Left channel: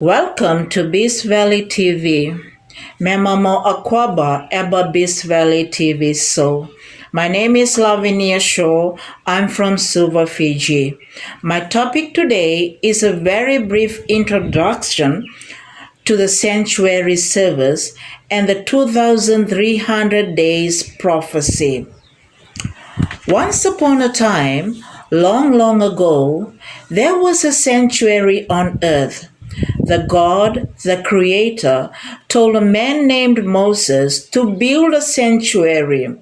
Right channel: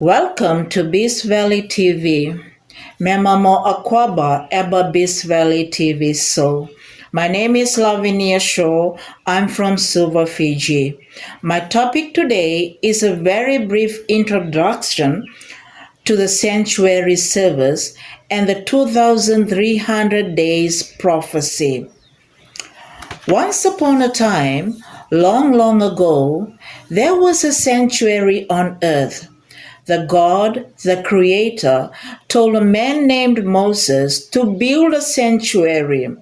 Welcome to Beast Valley TV. Memamo Akwaba Eba Beast Valley TV so. My name is Lavinia Shaw. I'm from Suva, Fiji. My topic today is a very brief introduction to the sanctuary service and the 2300 days prophecy. Once upon a time, long, long ago, there was a sanctuary on earth. The God, the Creator, told a man named Moses to build a sanctuary.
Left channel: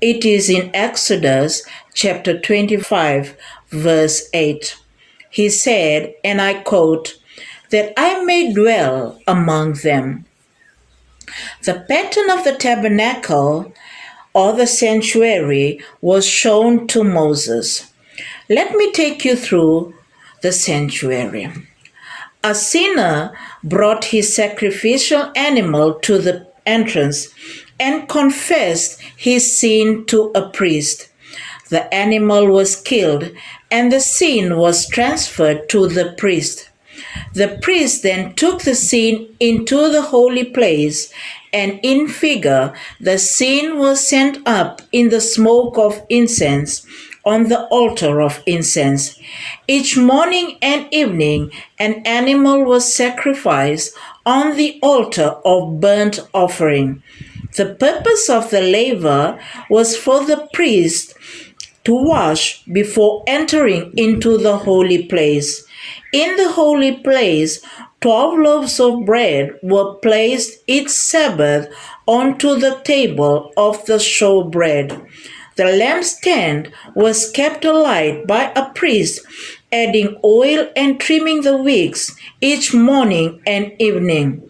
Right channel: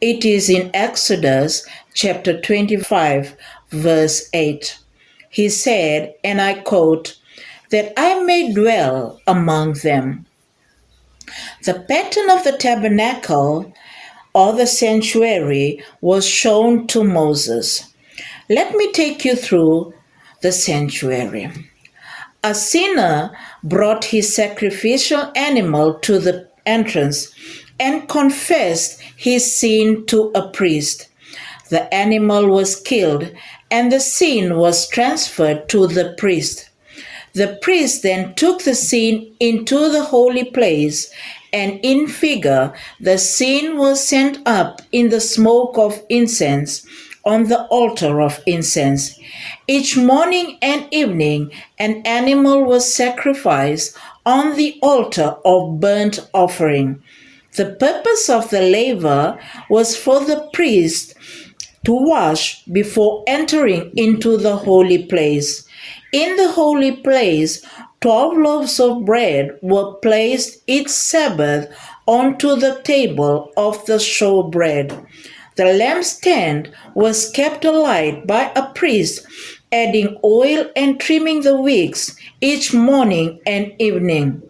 It is in Exodus chapter 25, verse 8. He said, and I quote, that I may dwell among them. The pattern of the tabernacle or the sanctuary was shown to Moses. Let me take you through the sanctuary. A sinner brought his sacrificial animal to the entrance and confessed his sin to a priest. The animal was killed and the sin was transferred to the priest. The priest then took the sin into the holy place, and in figure, the sin was sent up in the smoke of incense on the altar of incense. Each morning and evening, an animal was sacrificed on the altar of burnt offering. The purpose of the laver was for the priest to wash before entering into the holy place. In the holy place, 12 loaves of bread were placed each Sabbath onto the table of the showbread. The lampstand was kept alight by a priest, adding oil and trimming the wicks each morning and evening.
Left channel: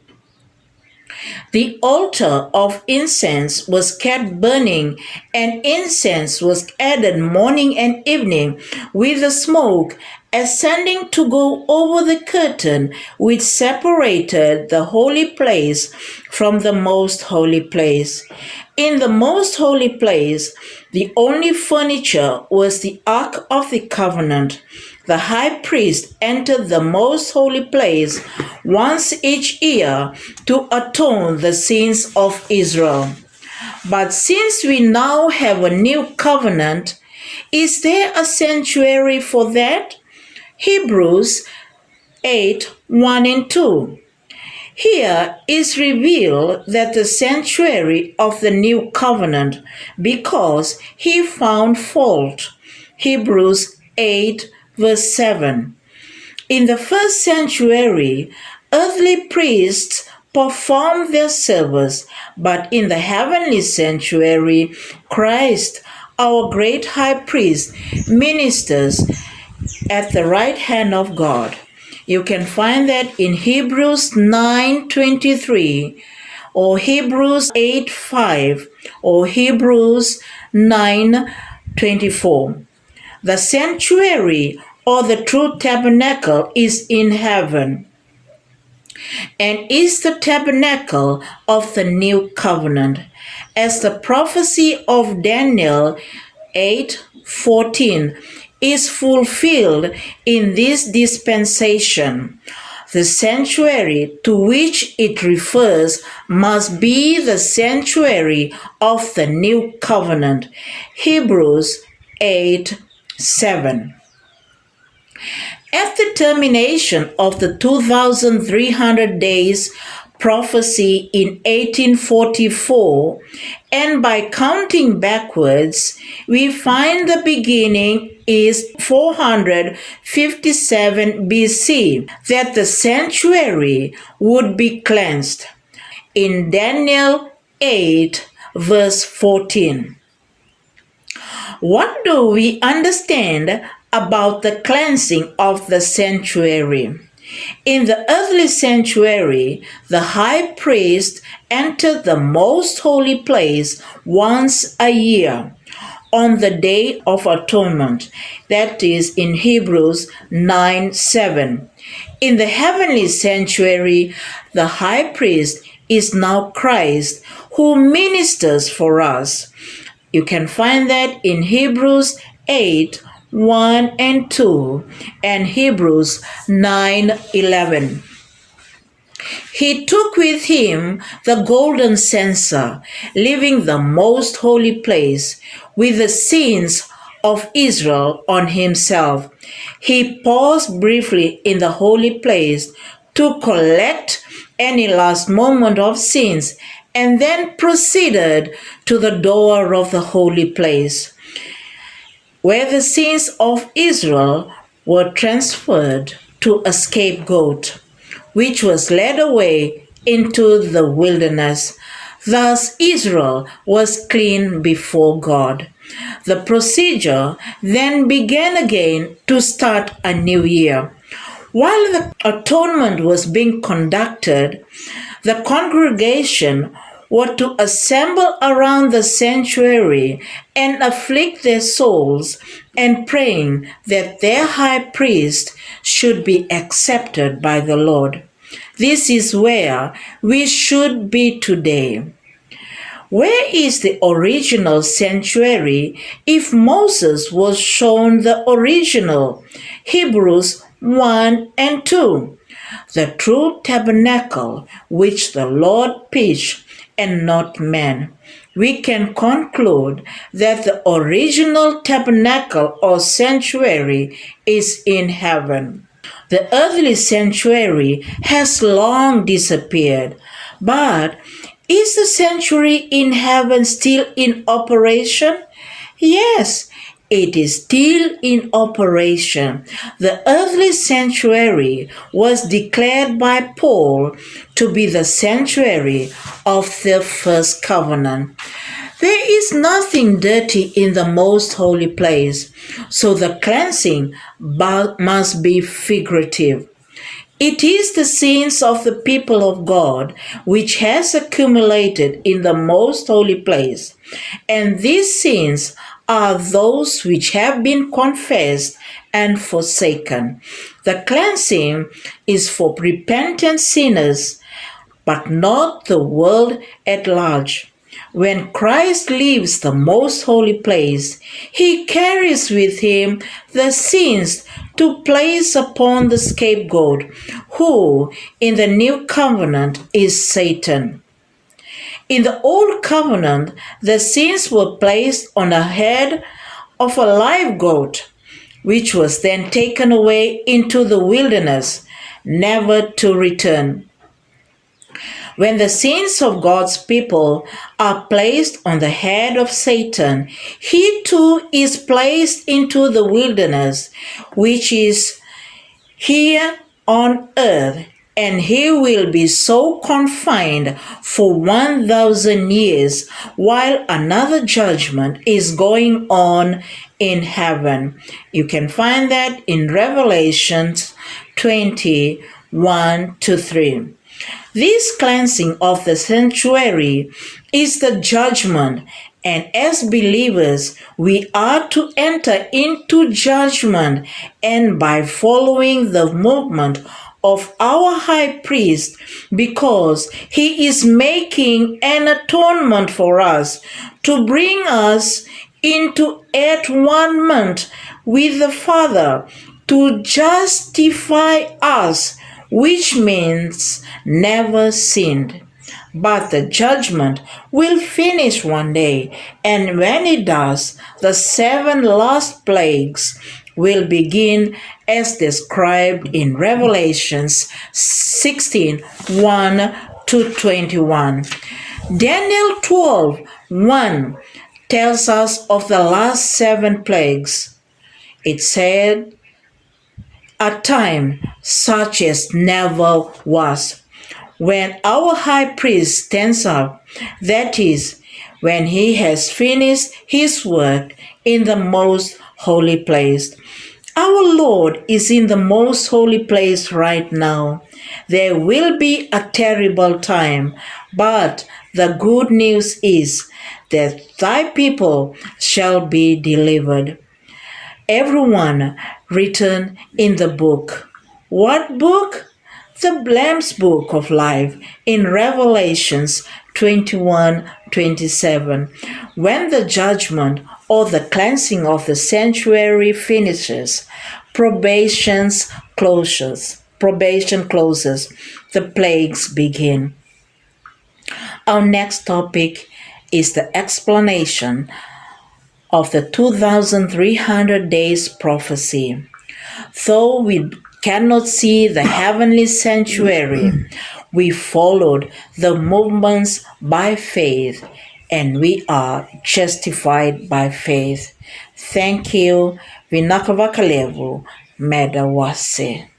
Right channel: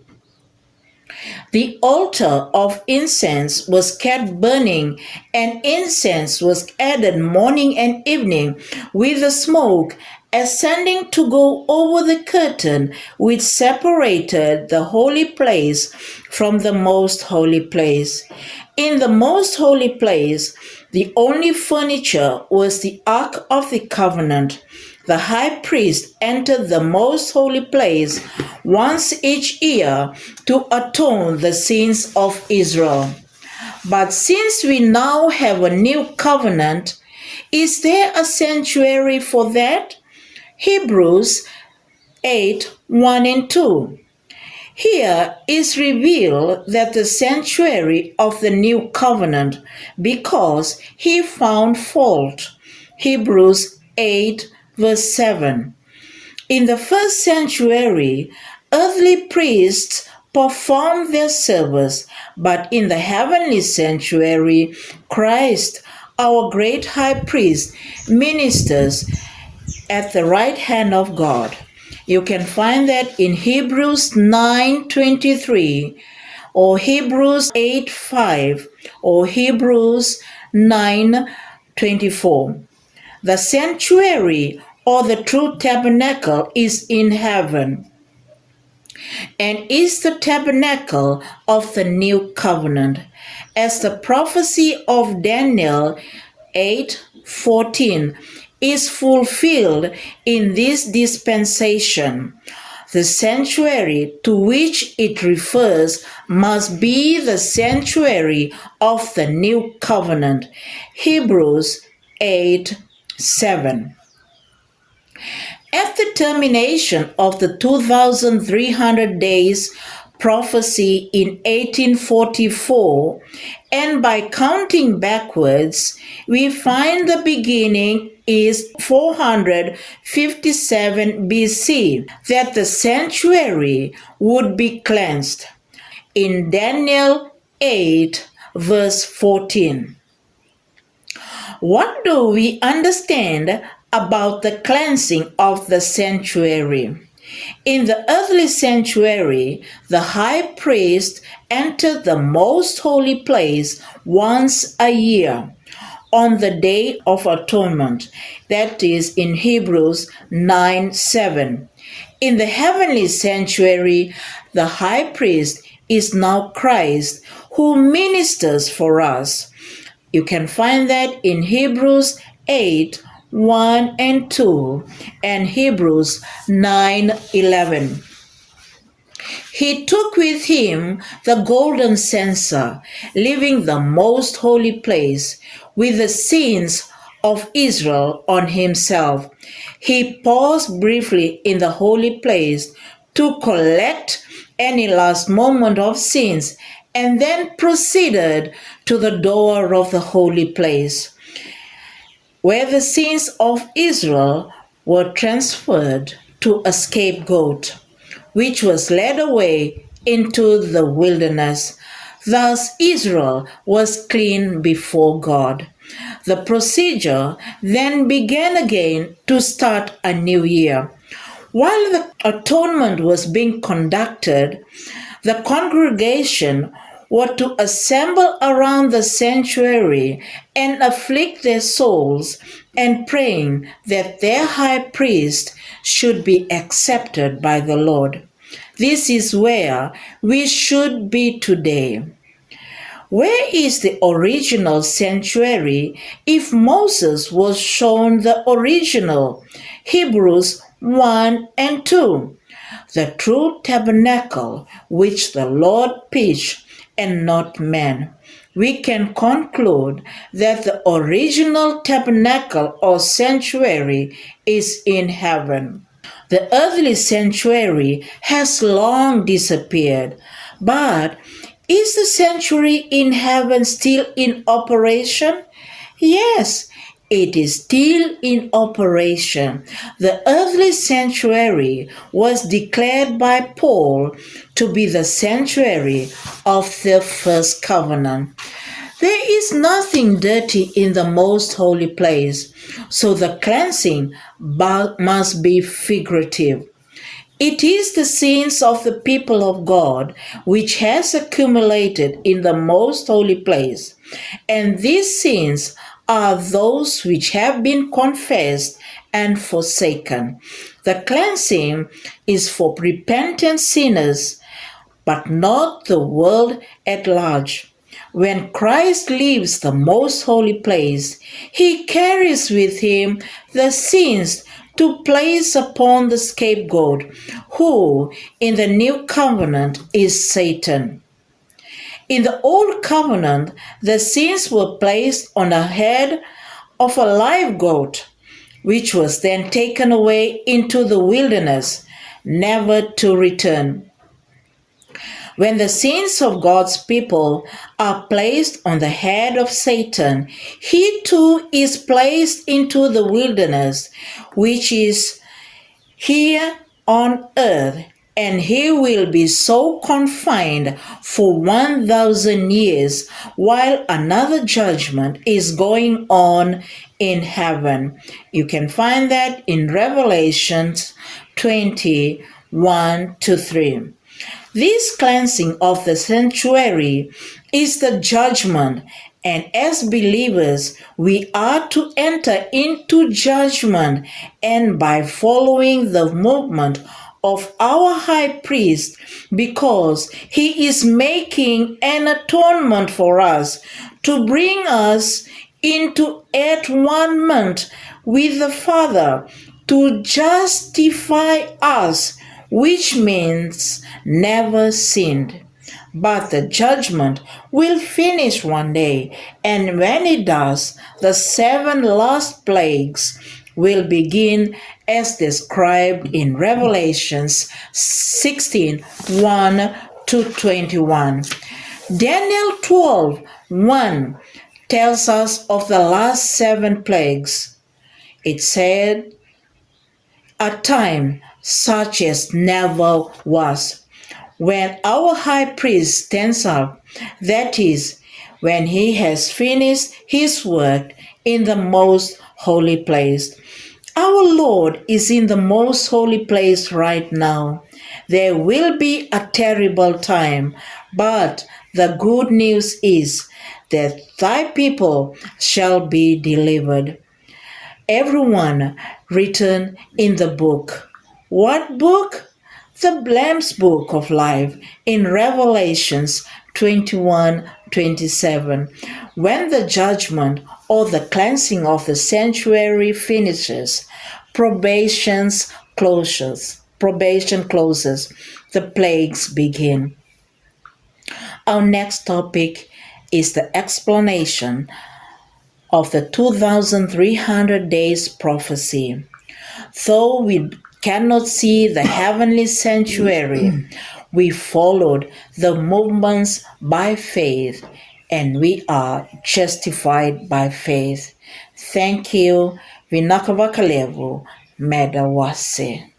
The altar of incense was kept burning, and incense was added morning and evening, with the smoke ascending to go over the curtain which separated the holy place from the most holy place. In the most holy place, the only furniture was the Ark of the Covenant. The high priest entered the most holy place once each year to atone the sins of Israel. But since we now have a new covenant, is there a sanctuary for that? Hebrews 8 1 and 2. Here is revealed that the sanctuary of the new covenant, because he found fault. Hebrews 8 verse 7. In the first sanctuary, earthly priests performed their service, but in the heavenly sanctuary, Christ, our great high priest, ministers at the right hand of God. You can find that in Hebrews 9:23 or Hebrews 8:5 or Hebrews 9:24. The sanctuary or the true tabernacle is in heaven and is the tabernacle of the new covenant, as the prophecy of Daniel 8:14 is fulfilled in this dispensation. The sanctuary to which it refers must be the sanctuary of the new covenant. Hebrews 8:7. At the termination of the 2300 days prophecy in 1844, and by counting backwards, we find the beginning is 457 BC, that the sanctuary would be cleansed. In Daniel 8, verse 14. What do we understand about the cleansing of the sanctuary? In the earthly sanctuary, the high priest entered the most holy place once a year on the Day of Atonement, that is in Hebrews 9:7. In the heavenly sanctuary, the high priest is now Christ, who ministers for us. You can find that in Hebrews 8 1 and 2 and Hebrews 9:11. He took with him the golden censer, leaving the most holy place with the sins of Israel on himself. He paused briefly in the holy place to collect any last moment of sins and then proceeded to the door of the holy place, where the sins of Israel were transferred to a scapegoat, which was led away into the wilderness. Thus, Israel was clean before God. The procedure then began again to start a new year. While the atonement was being conducted, the congregation were to assemble around the sanctuary and afflict their souls and praying that their high priest should be accepted by the Lord. This is where we should be today. Where is the original sanctuary if Moses was shown the original? Hebrews 1 and 2. The true tabernacle which the Lord pitched and not man. We can conclude that the original tabernacle or sanctuary is in heaven. The earthly sanctuary has long disappeared, but is the sanctuary in heaven still in operation? Yes, it is still in operation. The earthly sanctuary was declared by Paul to be the sanctuary of the first covenant. There is nothing dirty in the most holy place, so the cleansing must be figurative. It is the sins of the people of God which has accumulated in the most holy place, and these sins are those which have been confessed and forsaken. The cleansing is for repentant sinners, but not the world at large. When Christ leaves the most holy place, he carries with him the sins to place upon the scapegoat, who in the new covenant is Satan. In the old covenant, the sins were placed on the head of a live goat, which was then taken away into the wilderness, never to return. When the sins of God's people are placed on the head of Satan, he too is placed into the wilderness, which is here on earth, and he will be so confined for 1,000 years while another judgment is going on in heaven. You can find that in Revelation 21 to 3. This cleansing of the sanctuary is the judgment, and as believers, we are to enter into judgment, and by following the movement of our high priest, because he is making an atonement for us to bring us into at-one-ment with the Father, to justify us, which means never sinned. But the judgment will finish one day, and when it does, the 7 last plagues will begin as described in Revelations 16, 1 to 21. Daniel 12, 1 tells us of the last 7 plagues. It said, a time such as never was. When our high priest stands up, that is, when he has finished his work in the most holy place. Our Lord is in the most holy place right now. There will be a terrible time, but the good news is that thy people shall be delivered. Everyone written in the book. What book? The Lamb's Book of Life in Revelations 21:27. When the judgment or the cleansing of the sanctuary finishes, probation closes. the plagues begin. Our next topic is the explanation of the 2300 days prophecy. Though we cannot see the heavenly sanctuary, we followed the movements by faith and we are justified by faith. Thank you. Vinakavakalevu Medawase.